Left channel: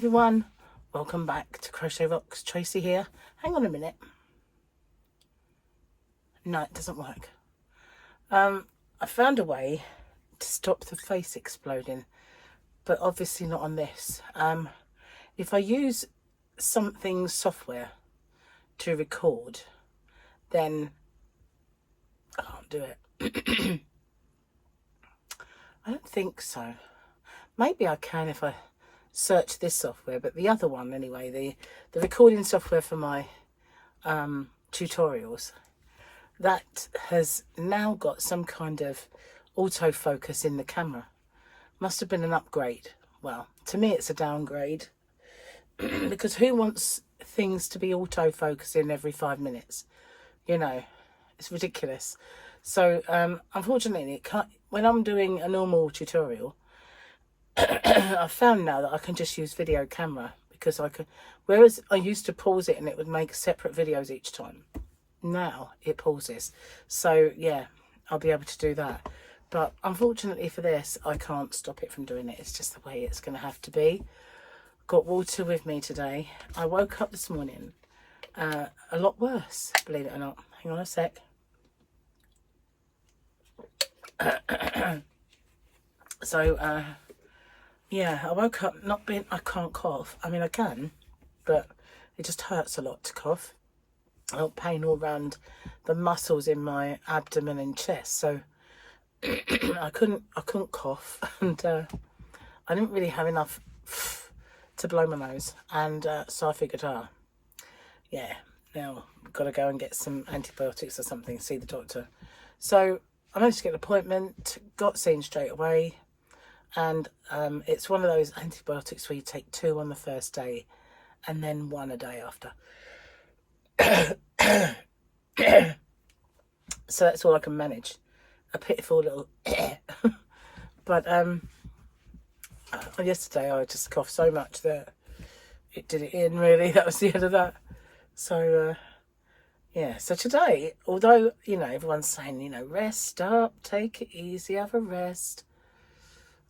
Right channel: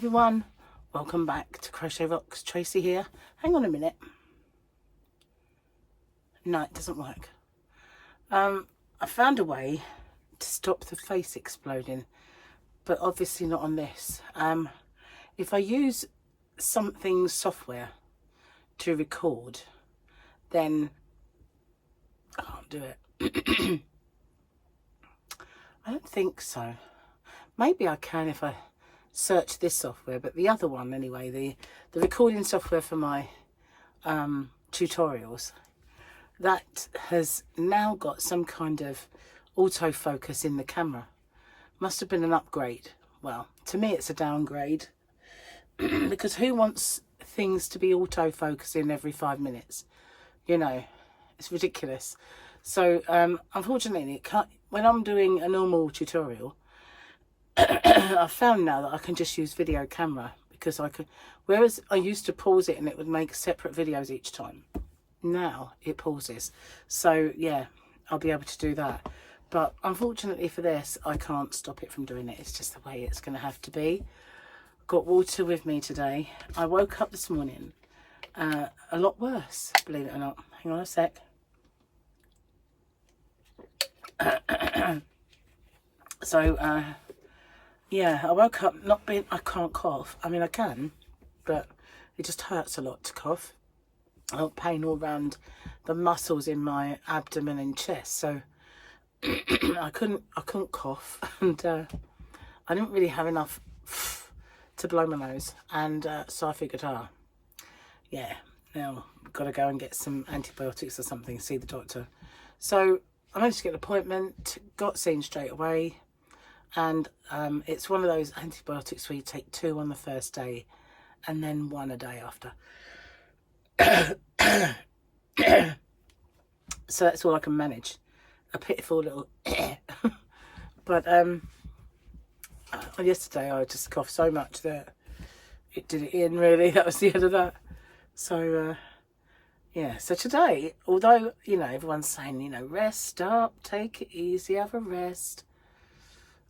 Everyone, welcome back to Crochet Rocks. Tracy here. Hang on a minute. No, it doesn't work. I found a way to stop the face exploding, but obviously not on this. If I use something software to record, then I can't do it. I don't think so. Maybe I can if I search this software, but the other one anyway, the recording software for my tutorials, that has now got some kind of autofocus in the camera. Must have been an upgrade. Well, to me it's a downgrade, because who wants things to be autofocusing every 5 minutes? You know, it's ridiculous. So unfortunately it can't, when I'm doing a normal tutorial, I've found now that I can just use video camera, because I can, whereas I used to pause it and it would make separate videos each time, now it pauses. So yeah, I'll be able to do that, but unfortunately for this I can't stop it from doing it. It's just the way it's going to have to be. Got water with me today. I woke up this morning a lot worse, believe it or not. Hang on a sec. So yeah, I woke up not being, I can't cough. I mean, I can, but it just hurts a lot to cough. I got pain all around the muscles in my abdomen and chest, so I couldn't cough, and I didn't really have enough to blow my nose, and so I figured, yeah, now I've got to go and get some antibiotics or something, see the doctor. So I managed to get an appointment, got seen straight away. And it's one of those antibiotics where you take 2 on the first day and then 1 a day after. So that's all I can manage. A pitiful little but yesterday I just coughed so much that it did it in, really. That was the end of that. So yeah, so today, although, you know, everyone's saying, you know, rest up, take it easy, have a rest,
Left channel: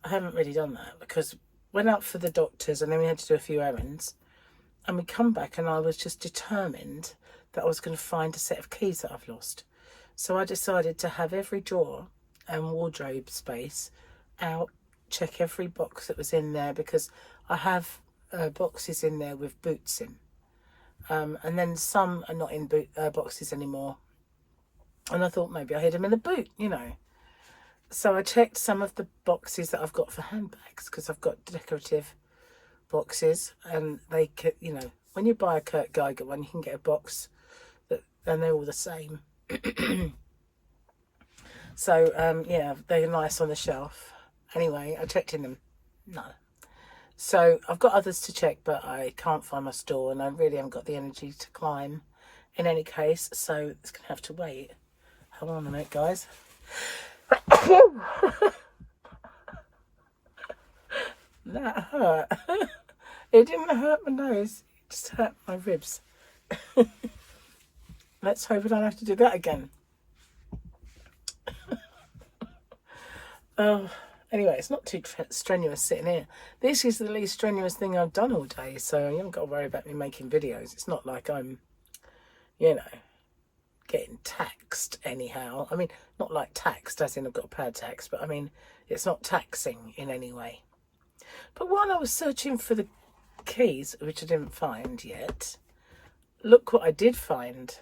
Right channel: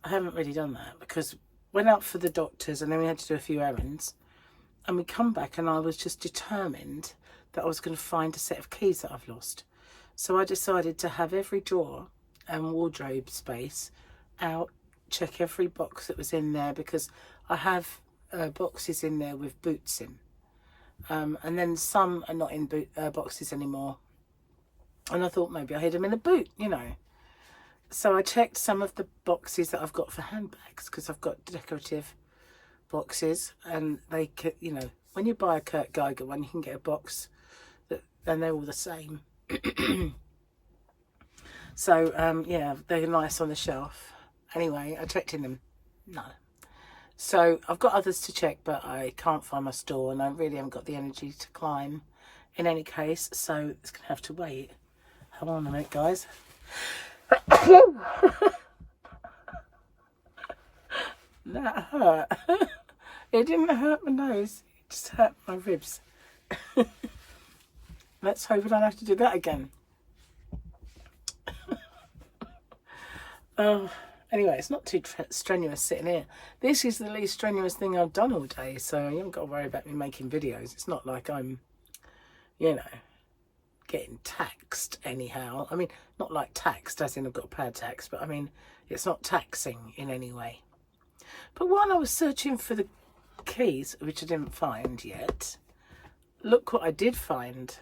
I haven't really done that, because went out for the doctors and then we had to do a few errands, and we come back and I was just determined that I was going to find a set of keys that I've lost. So I decided to have every drawer and wardrobe space out, check every box that was in there, because I have boxes in there with boots in, and then some are not in boxes anymore, and I thought maybe I hid them in a boot, you know. So I checked some of the boxes that I've got for handbags, because I've got decorative boxes, and they could, you know, when you buy a Kurt Geiger one, you can get a box that, and they're all the same. So yeah, they're nice on the shelf. Anyway, I checked in them, no. So I've got others to check, but I can't find my store, and I really haven't got the energy to climb in any case, so it's gonna have to wait. Hold on a minute, guys. That hurt. It didn't hurt my nose, it just hurt my ribs. Let's hope I don't have to do that again. Anyway, it's not too strenuous sitting here. This is the least strenuous thing I've done all day, so you haven't got to worry about me making videos. It's not like I'm, you know, getting taxed anyhow. I mean, not like taxed as in I've got to pay a tax, but I mean, it's not taxing in any way. But while I was searching for the keys, which I didn't find yet, look what I did find.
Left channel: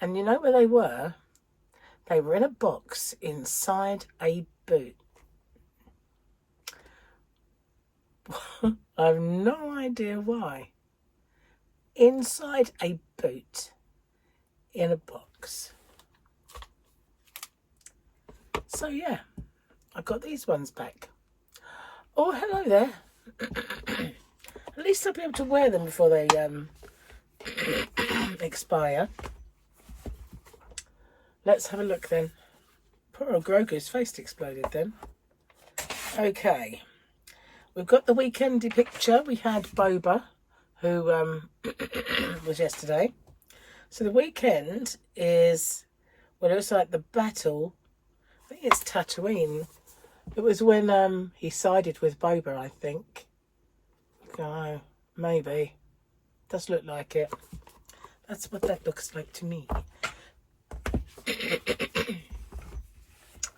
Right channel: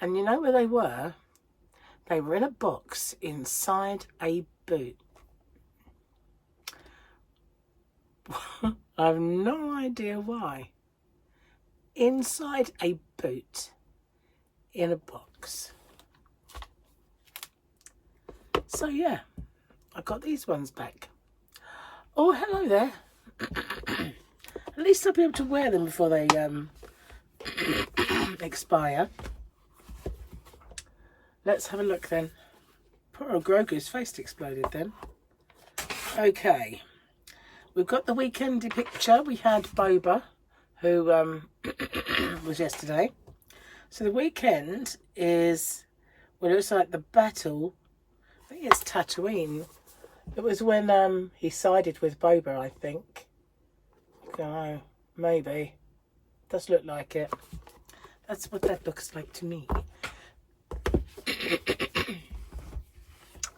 And you know where they were? They were in a box inside a boot. I have no idea why. Inside a boot. In a box. So yeah, I got these ones back. Oh, hello there. At least I'll be able to wear them before they expire. Let's have a look then. Poor old Grogu's face exploded then. Okay, we've got the weekendy picture. We had Boba, who was yesterday. So the weekend is, well, it was like the battle. I think it's Tatooine. It was when he sided with Boba, I think. Don't know, maybe. Does look like it. That's what that looks like to me.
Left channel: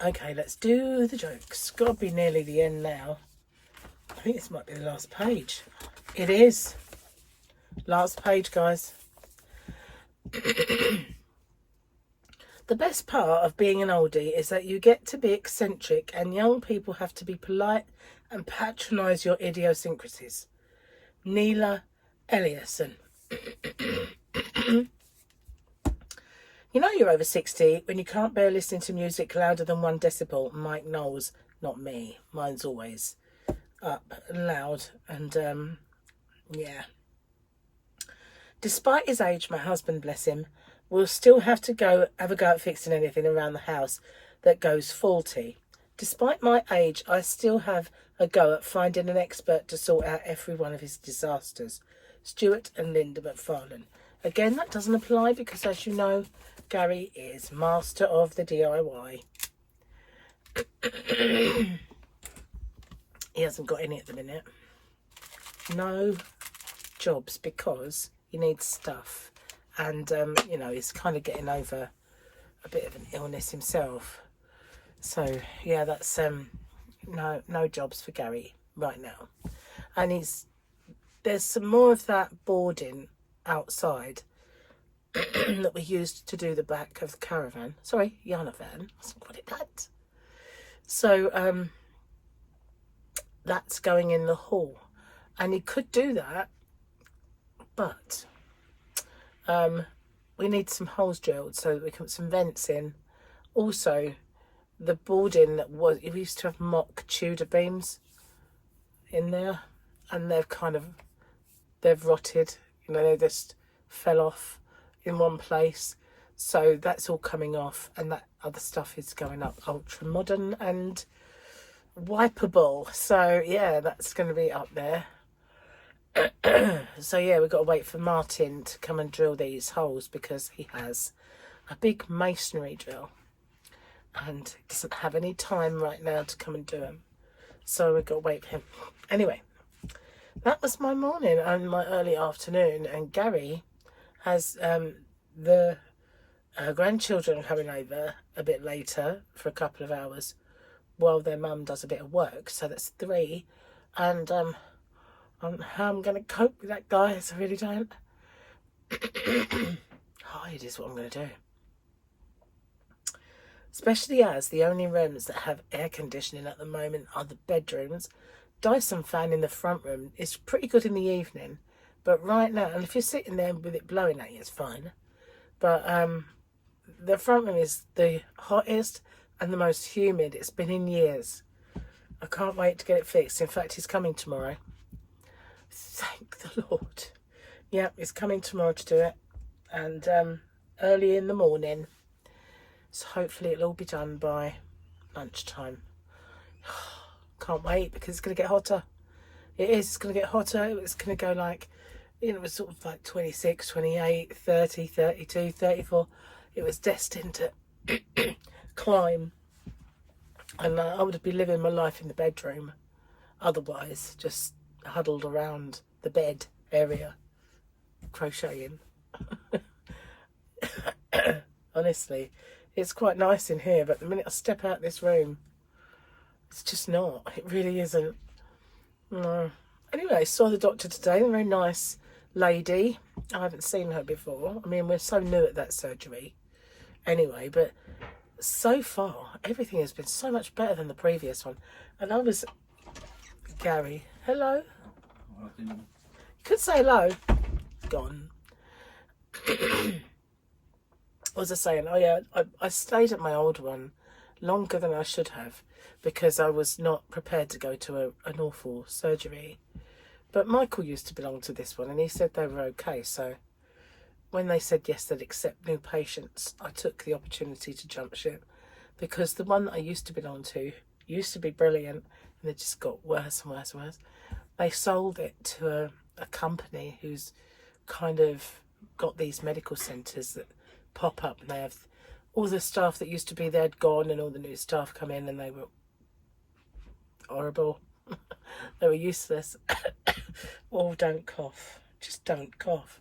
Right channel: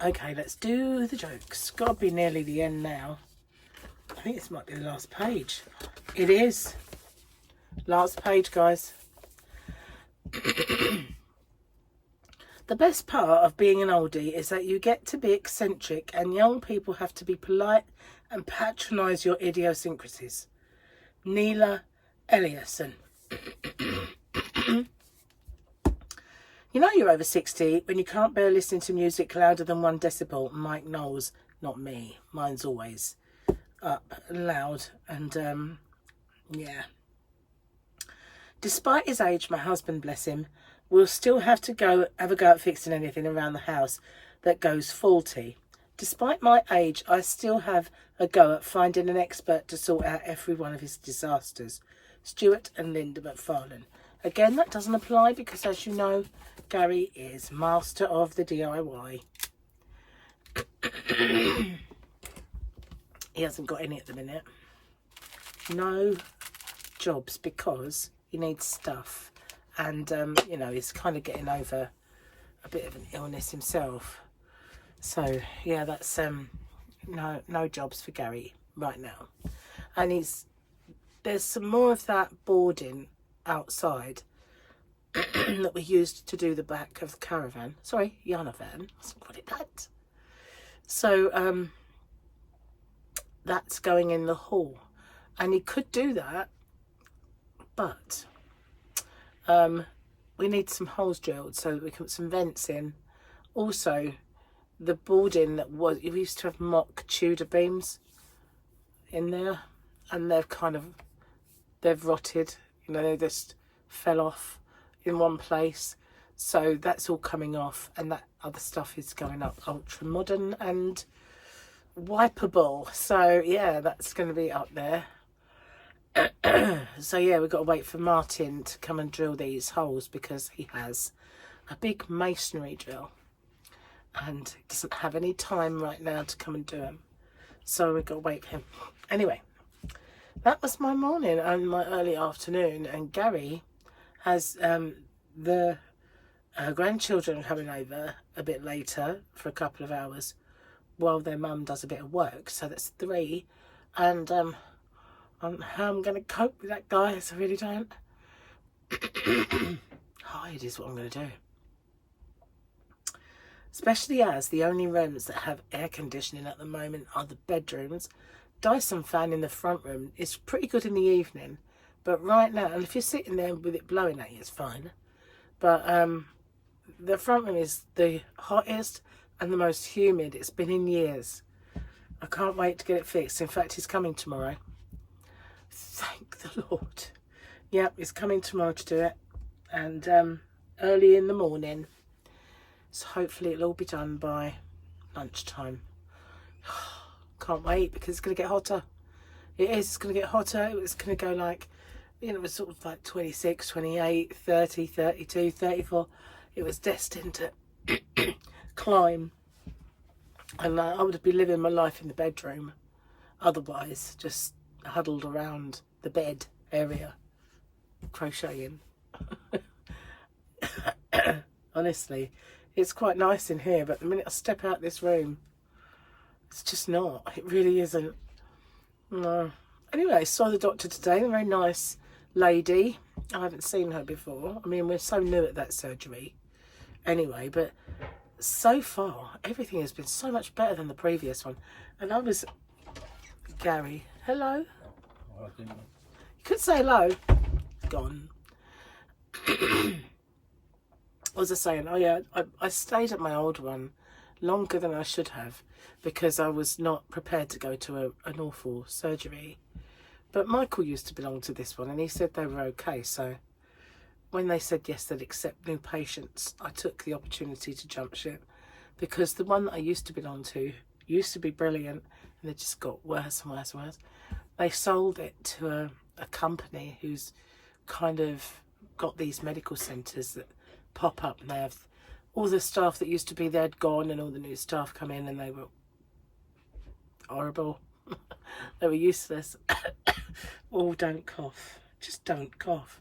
Okay, let's do the jokes. Gotta be nearly the end now. I think this might be the last page. It is. Last page, guys. The best part of being an oldie is that you get to be eccentric and young people have to be polite and patronise your idiosyncrasies. Neela Eliasson. You know you're over 60 when you can't bear listening to music louder than 1 decibel. Mike Knowles, not me. Mine's always up and loud. And yeah. Despite his age, my husband, bless him, will still have a go at fixing anything around the house that goes faulty. Despite my age, I still have a go at finding an expert to sort out every one of his disasters. Stuart and Linda McFarlane. Again, that doesn't apply because, as you know, Gary is master of the DIY. He hasn't got any at the minute. No jobs because he needs stuff. And, you know, he's kind of getting over a bit of an illness himself. So, yeah, that's no jobs for Gary right now. And there's some more of that boarding outside that we used to do the back of the caravan. Sorry, Yana van. That's what it that. So, that's going in the hall. And he could do that, but we need some holes drilled so that we can put some vents in. Also, the boarding that we used to have mock Tudor beams in there, and they've rotted, you know, they just fell off in one place. So that's all coming off, and that other stuff is going up ultra modern and wipeable. So yeah, that's going to be up there. So yeah, we've got to wait for Martin to come and drill these holes because he has a big masonry drill and he doesn't have any time right now to come and do them. So we've got to wait for him. Anyway, that was my morning and my early afternoon, and Gary has the grandchildren coming over a bit later for a couple of hours while their mum does a bit of work. So that's 3, and how I'm going to cope with that, guys, I really don't. Hide is what I'm going to do. Especially as the only rooms that have air conditioning at the moment are the bedrooms. Dyson fan in the front room is pretty good in the evening, but right now, and if you're sitting there with it blowing at you, it's fine. But the front room is the hottest and the most humid it's been in years. I can't wait to get it fixed. In fact, he's coming tomorrow. Thank the Lord. Yep, he's coming tomorrow to do it, and early in the morning. So hopefully it'll all be done by lunchtime. Can't wait because it's going to get hotter. It is. It's going to get hotter. It's going to go like, you know, it was sort of like 26, 28, 30, 32, 34. It was destined to climb. And I would be living my life in the bedroom. Otherwise, just huddled around the bed area, crocheting. Honestly, it's quite nice in here, but the minute I step out this room, it's just not. It really isn't. No. Anyway, I saw the doctor today, a very nice lady. I haven't seen her before. I mean, we're so new at that surgery anyway, but so far, everything has been so much better than the previous one. And I was... Gary, hello? You could say hello. Gone. What was I saying? Oh yeah, I stayed at my old one longer than I should have because I was not prepared to go to an awful surgery. But Michael used to belong to this one and he said they were okay. So when they said yes, they'd accept new patients, I took the opportunity to jump ship because the one that I used to belong to used to be brilliant and it just got worse and worse and worse. They sold it to a company who's kind of got these medical centres that pop up, and they have all the staff that used to be there had gone and all the new staff come in and they were horrible. They were useless. Oh, don't cough. Just don't cough.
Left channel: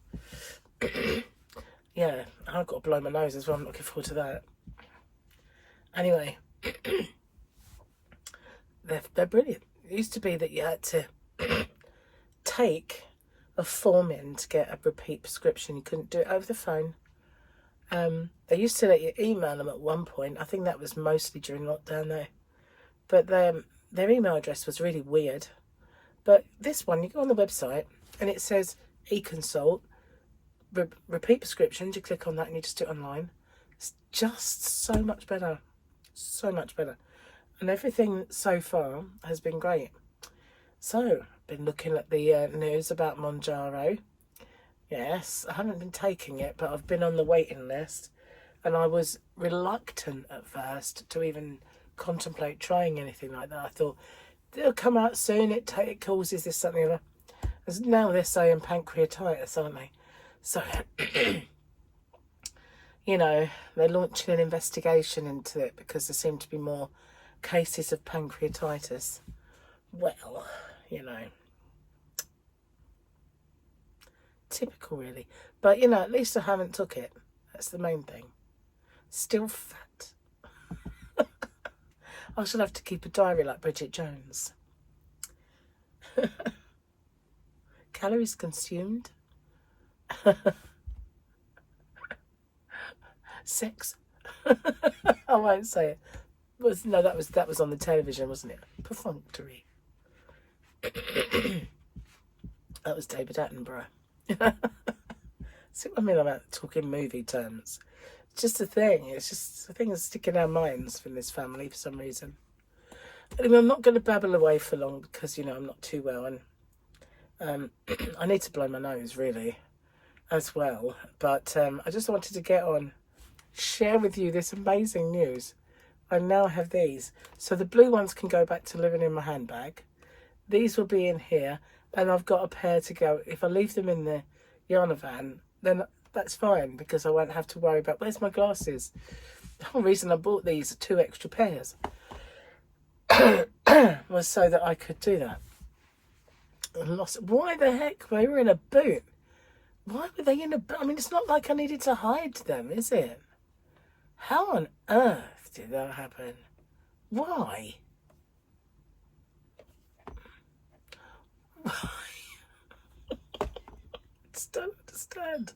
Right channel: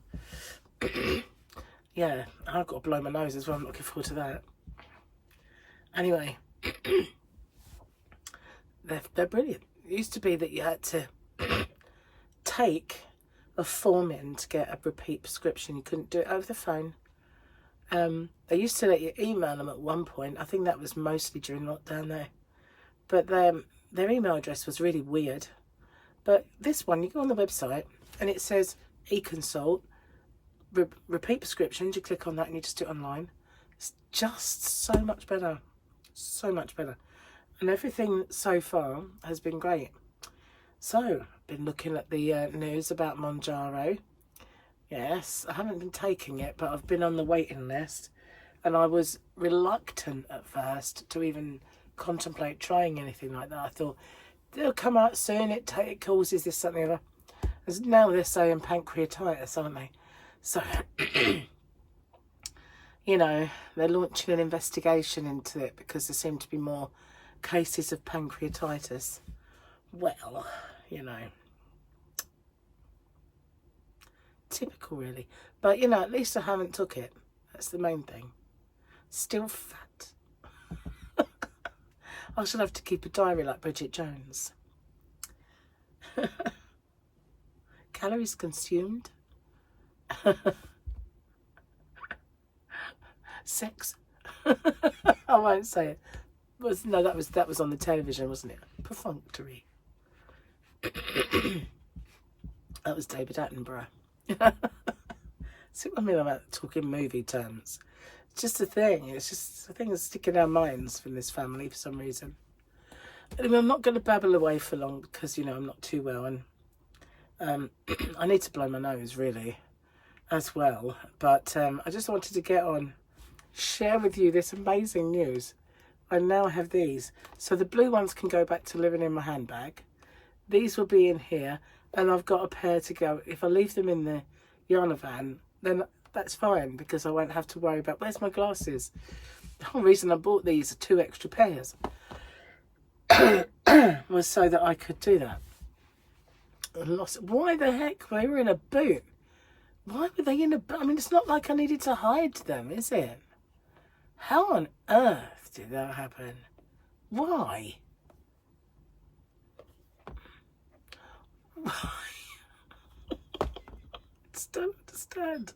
Yeah, I've got to blow my nose as well. I'm looking forward to that. Anyway, they're brilliant. It used to be that you had to take a form in to get a repeat prescription. You couldn't do it over the phone. They used to let you email them at one point. I think that was mostly during lockdown though. But their email address was really weird. But this one, you go on the website and it says e-consult, repeat prescriptions. You click on that and you just do it online. It's just so much better. So much better. And everything so far has been great. So, been looking at the news about Monjaro. Yes, I haven't been taking it, but I've been on the waiting list. And I was reluctant at first to even contemplate trying anything like that. I thought, they'll come out soon, it causes this, something, other. As now they're saying pancreatitis, aren't they? So, you know, they're launching an investigation into it because there seem to be more cases of pancreatitis. Well, you know, typical really. But, you know, at least I haven't took it. That's the main thing. Still fat. I shall have to keep a diary like Bridget Jones. Calories consumed. Sex. I won't say it. No, that was on the television, wasn't it? Perfunctory. That was David Attenborough. See what I mean about talking movie terms? It's just a thing. It's just a thing that's sticking in our minds from this family for some reason. Anyway, I'm not going to babble away for long because, you know, I'm not too well. And I need to blow my nose, really, as well. But I just wanted to get on, share with you this amazing news. I now have these. So the blue ones can go back to living in my handbag. These will be in here. And I've got a pair to go. If I leave them in the Yana van, then that's fine because I won't have to worry about where's my glasses. The whole reason I bought these 2 extra pairs was so that I could do that. Why the heck? They were in a boot. Why were they in a boot? I mean, it's not like I needed to hide them, is it? How on earth did that happen? Why? I just don't understand.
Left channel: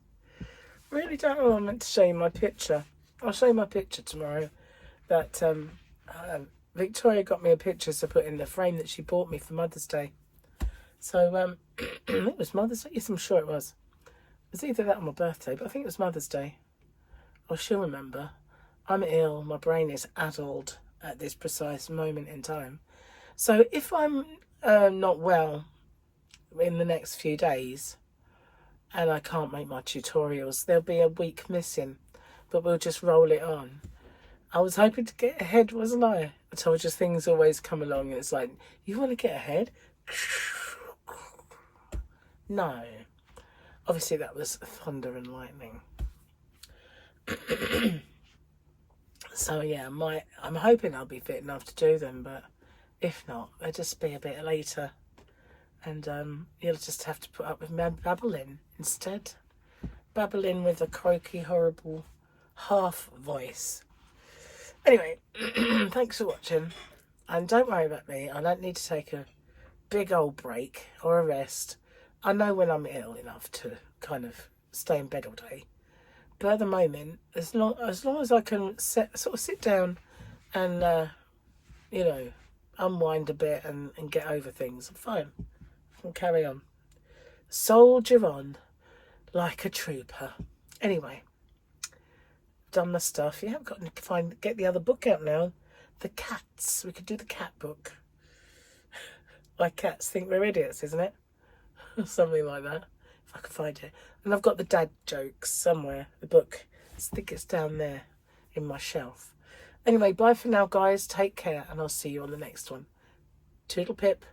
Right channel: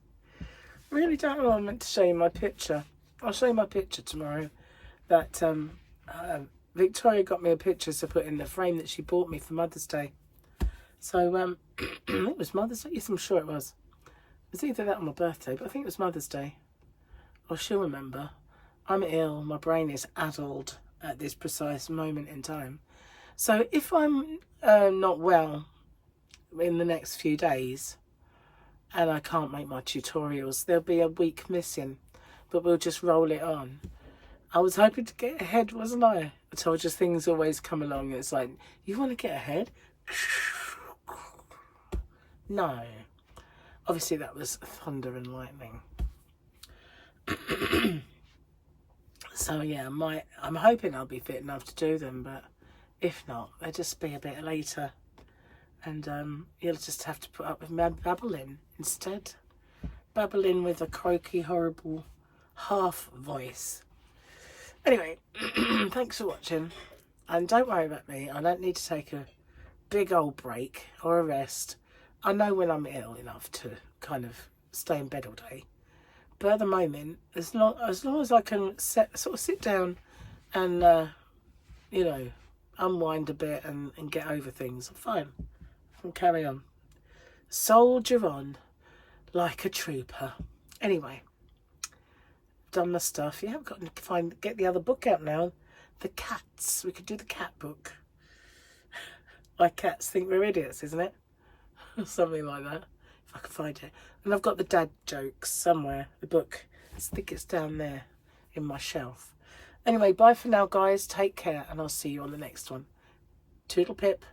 Really don't know. I meant to show you my picture. I'll show you my picture tomorrow. That Victoria got me a picture to put in the frame that she bought me for Mother's Day. So it was Mother's Day. Yes, I'm sure it was. It was either that or my birthday, but I think it was Mother's Day. Or she'll remember. I'm ill. My brain is addled at this precise moment in time. So if I'm not well in the next few days and I can't make my tutorials, there'll be a week missing, but we'll just roll it on. I was hoping to get ahead, wasn't I? I told you things always come along. It's like, you want to get ahead? No. Obviously that was thunder and lightning. So yeah, I'm hoping I'll be fit enough to do them, but if not, they'll just be a bit later. And you'll just have to put up with me babbling instead. Babbling with a croaky, horrible half voice. Anyway, thanks for watching. And don't worry about me. I don't need to take a big old break or a rest. I know when I'm ill enough to kind of stay in bed all day. But at the moment, as long as I can sort of sit down and, you know, unwind a bit and get over things, I'm fine. I can carry on. Soldier on like a trooper. Anyway, done my stuff. Yeah, I've got to get the other book out now. The cats. We could do the cat book. My cats think we're idiots, isn't it? Something like that. If I can find it. And I've got the dad jokes somewhere. The book. I think it's down there in my shelf. Anyway, bye for now, guys. Take care, and I'll see you on the next one. Toodle pip.